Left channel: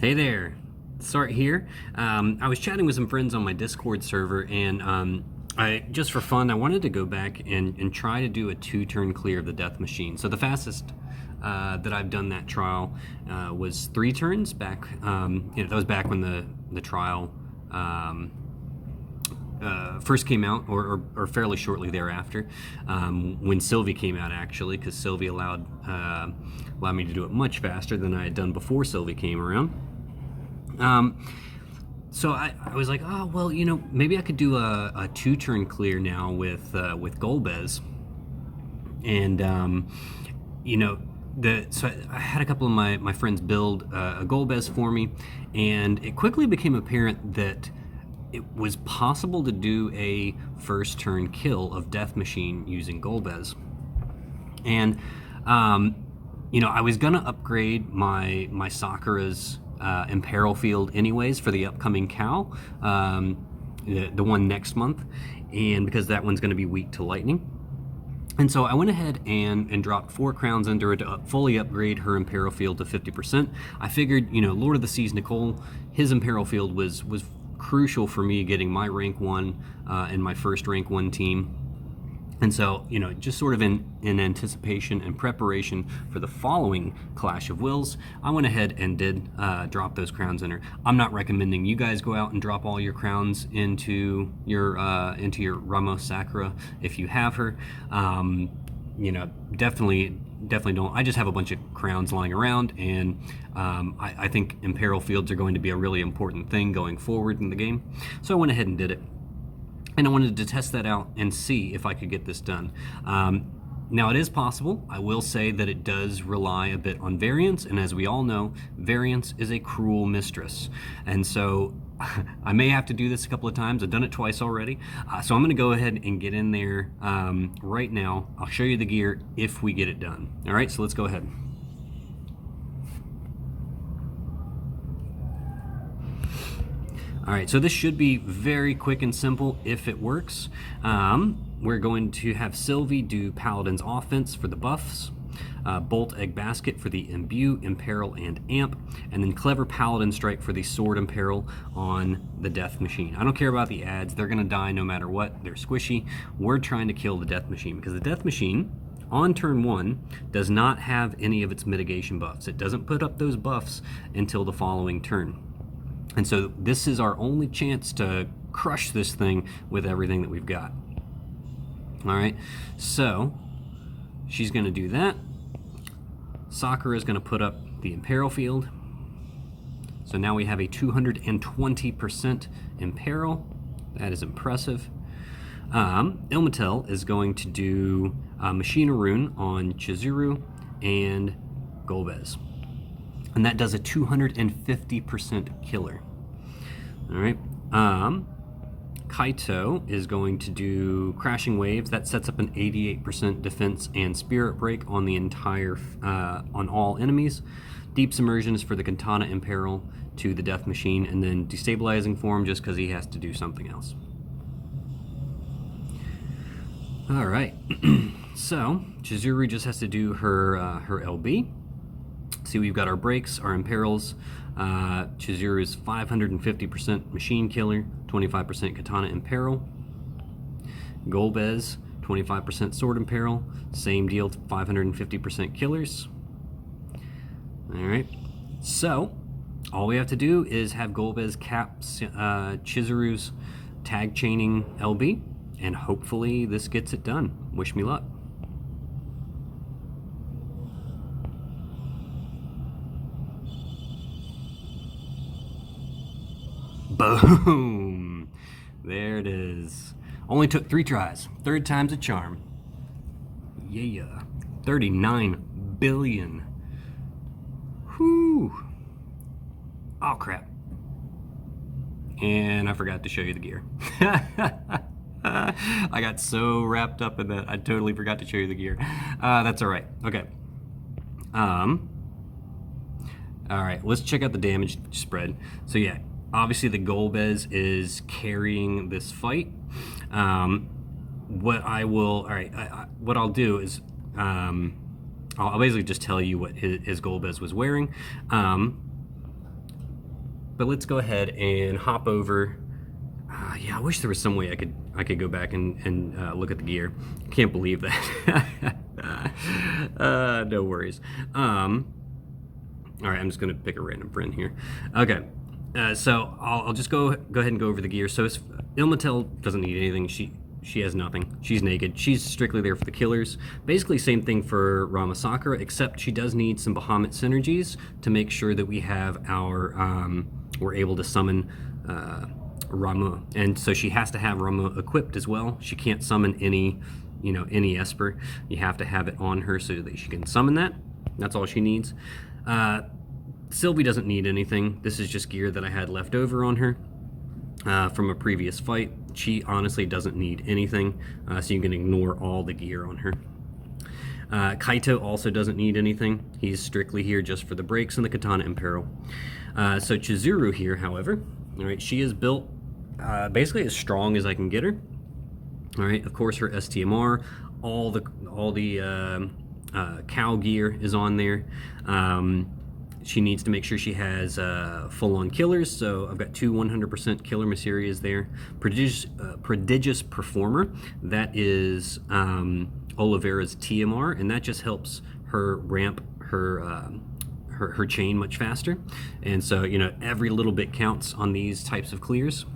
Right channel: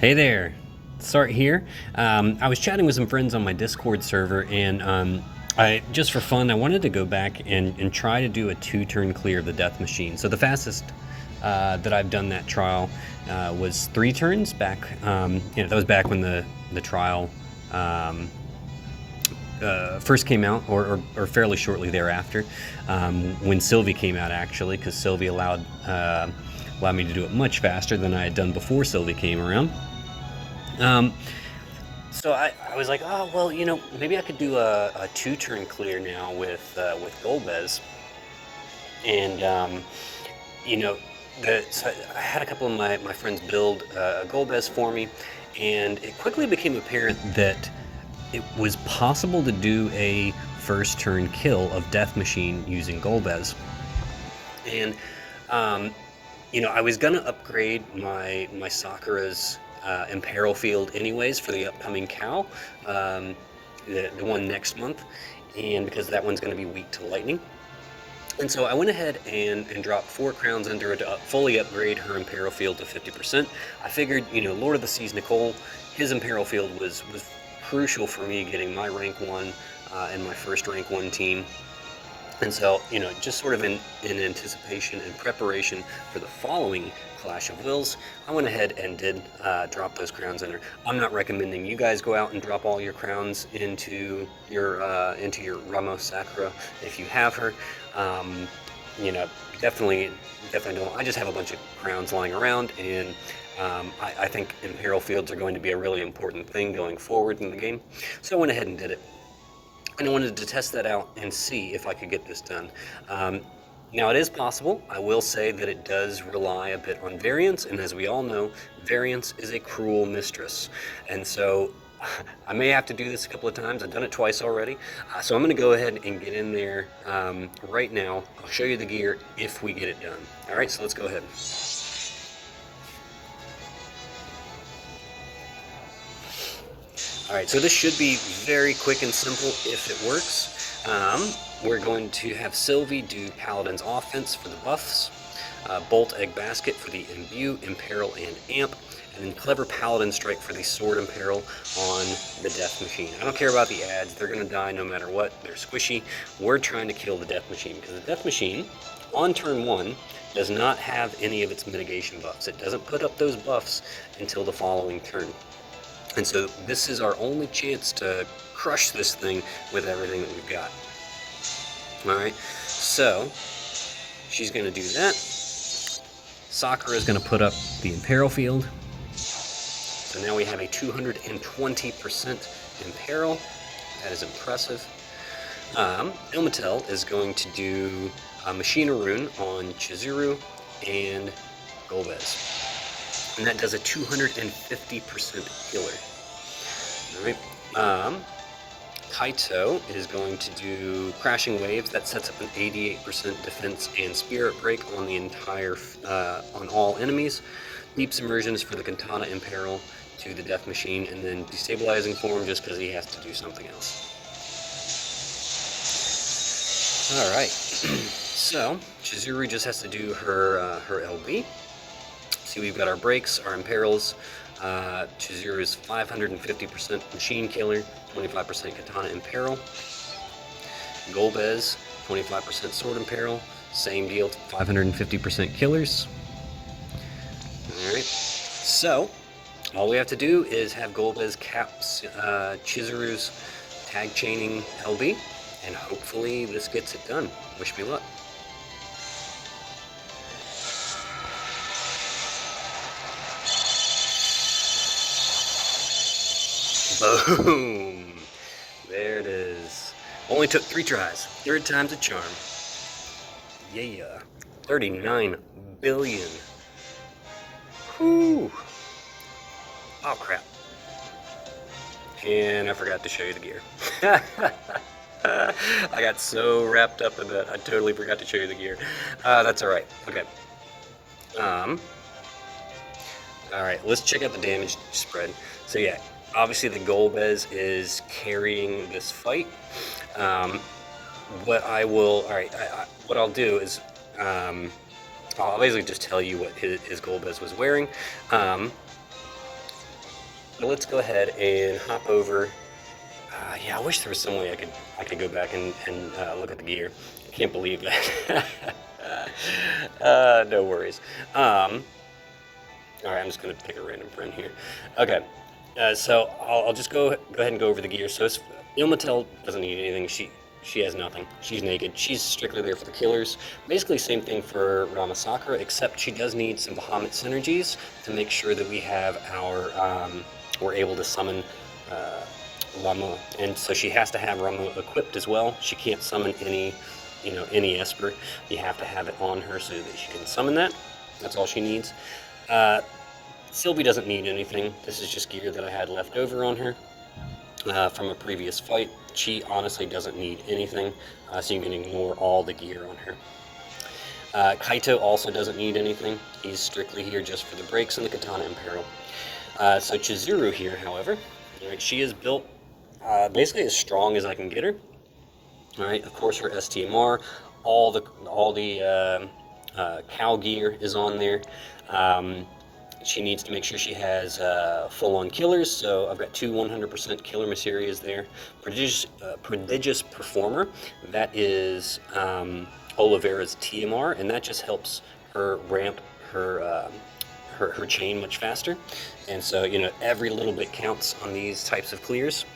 Hey there, Start here. I was chatting with some friends on my Discord server, and I just for fun, I wanted to go back and try to do a 2-turn clear of the death machine. So the fastest that I've done that trial was 3 turns back. That was back when the trial first came out, or fairly shortly thereafter, when Sylvie came out, actually, because Sylvie allowed me to do it much faster than I had done before Sylvie came around. So I was like, oh, well, maybe I could do a 2-turn clear now with Golbez. And, so I had a couple of my friends build a Golbez for me, and it quickly became apparent that it was possible to do a first turn kill of Death Machine using Golbez. And, I was gonna upgrade my Sakura's Imperil Field anyways for the upcoming cow, the one next month, and because that one's going to be weak to lightning. And so I went ahead and dropped 4 crowns into her to fully upgrade her Imperil Field to 50%. I figured, Lord of the Seas Nicole, his Imperil Field was crucial for me getting my rank 1 and my first rank 1 team. And so, just sort of in anticipation and preparation for the following Clash of Wills, I went ahead and did drop those crowns in her. I'm not recommending you guys go out and drop all your crowns into your Ramos Sakura if you have her. Definitely don't. I just have a bunch of crowns lying around, and I think Imperil Fields are going to be a really important thing going forward in the game. So I went ahead and did it. And I wanted to test that out and see if I could get this done. Now, it is possible. I will say that it does rely a bit on variance, and as we all know, variance is a cruel mistress. And so I may have to do this a couple of times. I've done it twice already. So I'm going to go ahead and get in there right now. I'll show you the gear if we get it done. All right, so let's go ahead. All right, so this should be very quick and simple if it works. We're going to have Sylvie do Paladin's Offense for the buffs, Bolt Egg Basket for the Imbue, Imperil, and Amp, and then Clever Paladin Strike for the Sword Imperil on the Death Machine. I don't care about the ads, they're gonna die no matter what, they're squishy. We're trying to kill the Death Machine, because the Death Machine, on turn 1, does not have any of its mitigation buffs. It doesn't put up those buffs until the following turn. And so this is our only chance to crush this thing with everything that we've got. All right, so she's gonna do that. Sakura is gonna put up the Imperil Field. So now we have a 220% Imperil. That is impressive. Ilmatel is going to do Machina Rune on Chizuru and Golbez. And that does a 250% healer. All right. Kaito is going to do Crashing Waves. That sets up an 88% defense and Spirit Break on the entire, on all enemies. Deep Submersion is for the Katana Imperil to the Death Machine, and then Destabilizing Form just because he has to do something else. All right. So Chizuru just has to do her LB. See, we've got our breaks, our imperils. Chizuru's 550% machine killer, 25% katana imperil. Golbez, 25% sword imperil. Same deal, 550% killers. Alright, so all we have to do is have Golbez cap Chizuru's tag chaining LB, and hopefully this gets it done. Wish me luck. Boom! There it is. Only took 3 tries. 3rd time's a charm. Yeah. 39 billion. Whew. Oh, crap. And I forgot to show you the gear. I got so wrapped up in that, I totally forgot to show you the gear. That's alright. Okay. Alright, let's check out the damage spread. So yeah, obviously the Golbez is carrying this fight. What I'll do is I'll basically just tell you what his Golbez was wearing. But let's go ahead and hop over. Yeah, I wish there was some way I could go back and look at the gear. Can't believe that. No worries. All right, I'm just gonna pick a random friend here. Okay, so I'll just go ahead and go over the gear. So Ilmatel doesn't need anything. She has nothing. She's naked. She's strictly there for the killers. Basically, same thing for Rama Sakura, except she does need some Bahamut synergies to make sure that we have our we're able to summon Rama, and so she has to have Rama equipped as well. She can't summon any Esper. You have to have it on her so that she can summon that. That's all she needs. Sylvie doesn't need anything. This is just gear that I had left over on her from a previous fight. She honestly doesn't need anything, so you can ignore all the gear on her. Kaito also doesn't need anything. He's strictly here just for the breaks and the katana and peril. So Chizuru here, however, all right, she is built basically as strong as I can get her. All right, of course her STMR, all the cow gear is on there. She needs to make sure she has full-on killers, so I've got two 100% killer Maserias there. Prodigious Performer, that is Oliveira's TMR, and that just helps her ramp her chain much faster. And so, every little bit counts on these types of clears.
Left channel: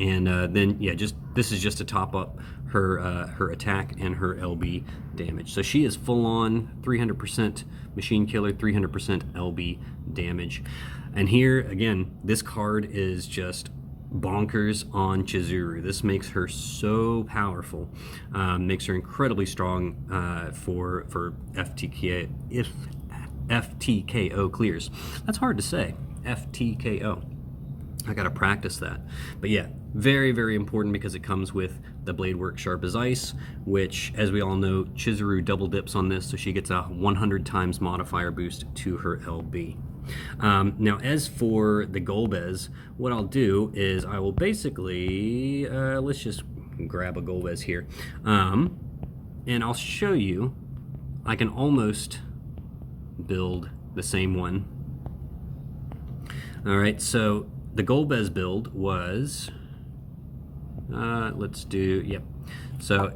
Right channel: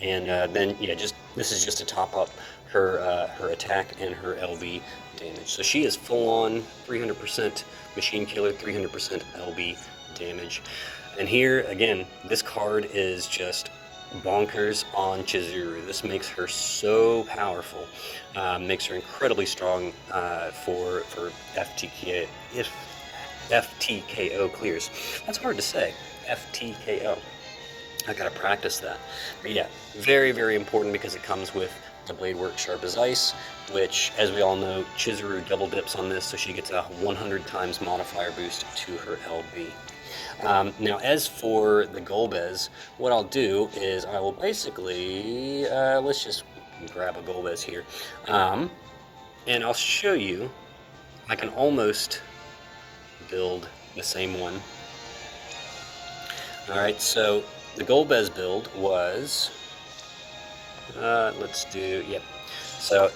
And then, yeah, this is just to top up her attack and her LB damage. So she is full-on 300% machine killer, 300% LB damage. And here, again, this card is just bonkers on Chizuru. This makes her so powerful, makes her incredibly strong for FTKO clears. That's hard to say, FTKO. I gotta practice that. But yeah, very, very important because it comes with the blade work sharp as ice, which, as we all know, Chizuru double dips on this, so she gets a 100 times modifier boost to her LB. Now, as for the Golbez, what I'll do is I will basically, let's just grab a Golbez here, and I'll show you, I can almost build the same one. All right, so the Golbez build was, let's do, yep. So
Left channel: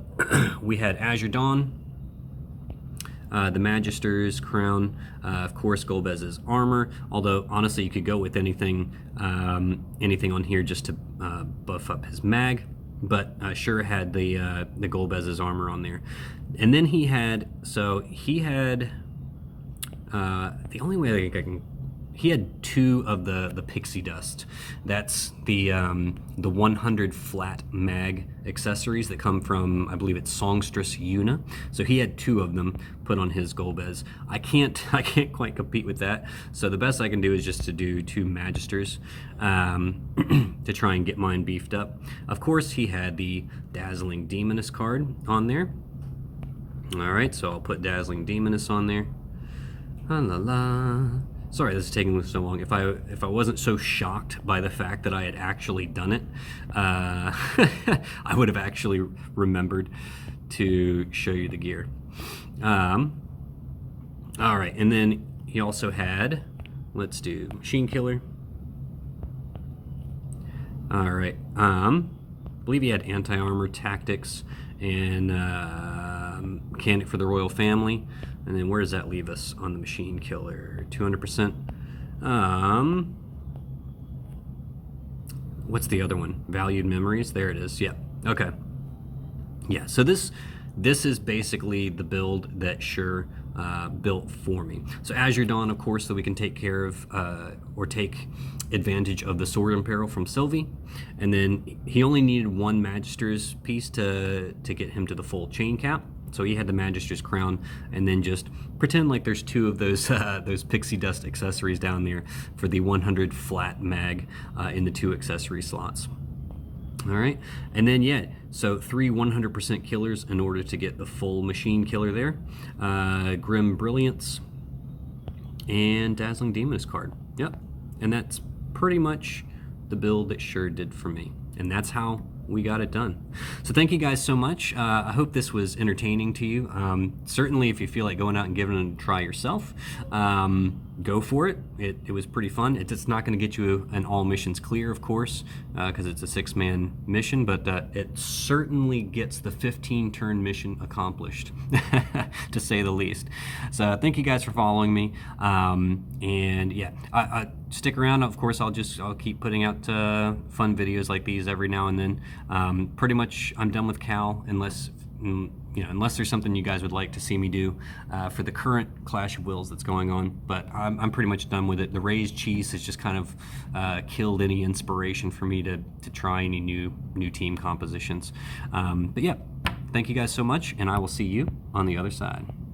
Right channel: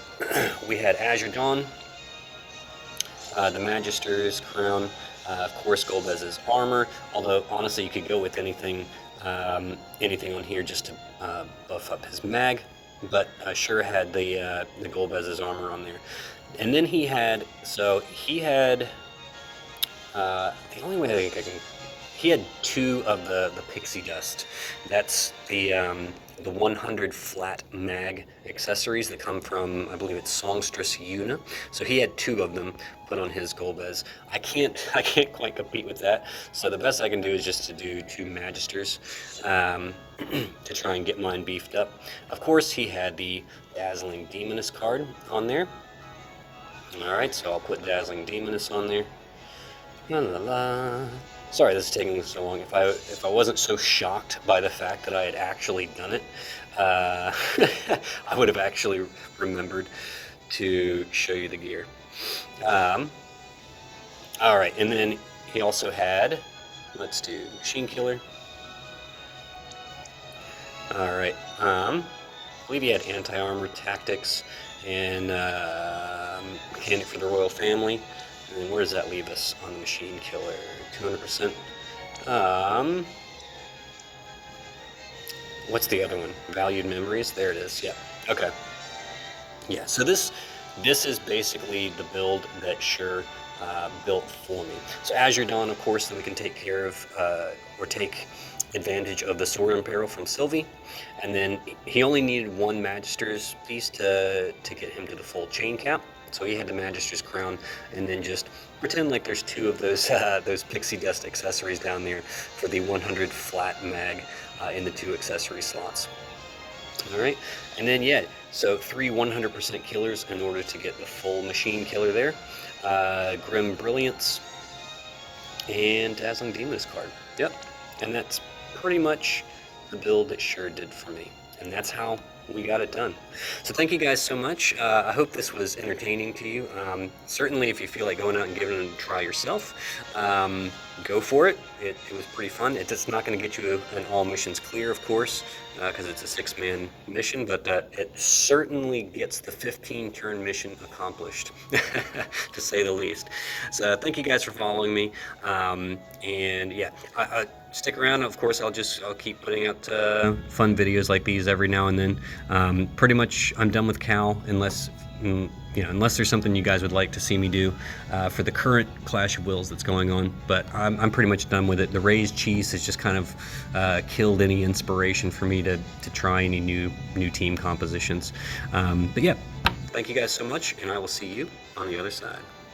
we had Azure Dawn, the Magister's crown, of course Golbez's armor, although honestly you could go with anything on here just to buff up his mag, but sure had the Golbez's armor on there. And then he had the only way I think I can, he had two of the pixie dust. That's the 100 flat mag accessories that come from, I believe it's Songstress Yuna. So he had two of them put on his Golbez. I can't quite compete with that. So the best I can do is just to do two Magisters to try and get mine beefed up. Of course, he had the Dazzling Demoness card on there. All right, so I'll put Dazzling Demoness on there. La la la. Sorry, this is taking so long. If I wasn't so shocked by the fact that I had actually done it, I would have actually remembered to show you the gear. All right, and then he also had, let's do Machine Killer. All right, I believe he had Anti-Armor Tactics and Mechanic for the Royal Family. And then where does that leave us on the Machine Killer? 200%. What's the other one? Valued Memories. There it is. Yep. Okay. Yeah. So this is basically the build that Sure built for me. So Azure Dawn, of course, that we can take care of or take advantage of the Sword and Peril from Sylvie. And then he only needed one Magister's piece to get him to the full chain cap. So he had the Magister's crown, and then just pretend like there's two of those pixie dust accessories down there for the 100 flat mag in the two accessory slots. All right, and then yeah, so three 100% killers in order to get the full machine killer there. Grim Brilliance and Dazzling Demoness card. Yep, and that's pretty much the build that Sure did for me, and that's how we got it done. So thank you guys so much. I hope this was entertaining to you. Certainly if you feel like going out and giving it a try yourself, go for it. It was pretty fun. It's not going to get you an all missions clear, of course, because it's a 6-man mission, but it certainly gets the 15-turn mission accomplished, to say the least. So thank you guys for following me, and yeah, stick around. Of course, I'll keep putting out fun videos like these every now and then. Pretty much, I'm done with Cal, unless unless there's something you guys would like to see me do for the current Clash of Wills that's going on. But I'm pretty much done with it. The raised cheese has just kind of killed any inspiration for me to try any new team compositions. But yeah, thank you guys so much, and I will see you on the other side.